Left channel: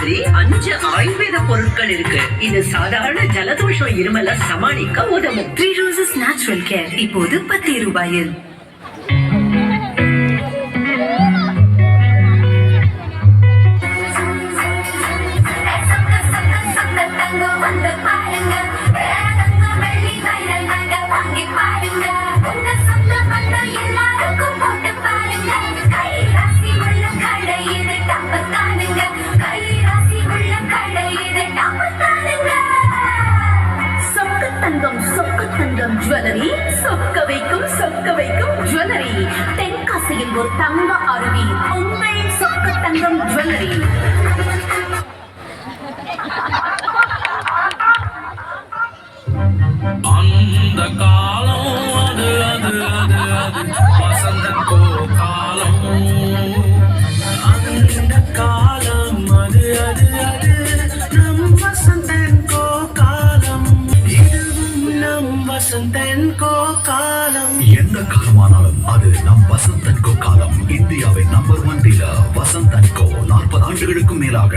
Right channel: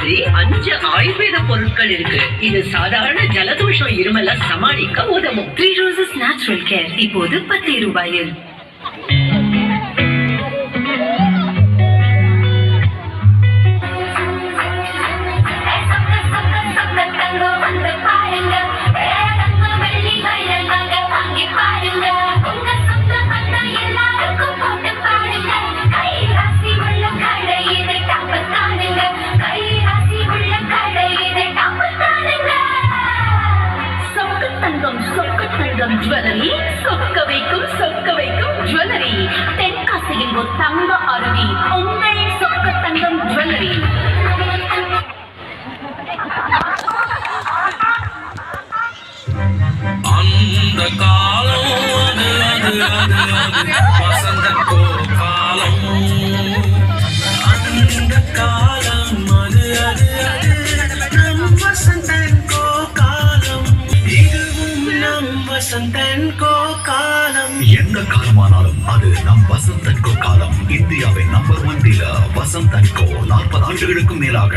மாதிரி 5 ஆயுர்வேத பொருட்கள் இருக்கு. இது சாதாரண ஜலதோஷம் இருமல சமாளிக்க உதவும். 3 Roses Natural Care இப்போது 10 ரூபாயில். சொக்கத்தங்கம் ஜுவல்லரி, சொக்க வைக்கும் ஜுவல்லரி, தென்காசியின் ஒரு தங்க அருவி, உங்கள் சொக்கத்தங்கம் ஜுவல்லரி. அந்த காலம் வசந்தோ காலம், அந்த காலம் நம் வசந்தோ காலம், இதுவும் நம் வசந்தோ காலம். எந்த காலமானாலும் அது நம் வசந்தன்கோ காலம். இந்தியாவின் நம்பர் 1 டீலர் வசந்தன்கோ 40 ஆண்டுகளுக்கும் மேலாக.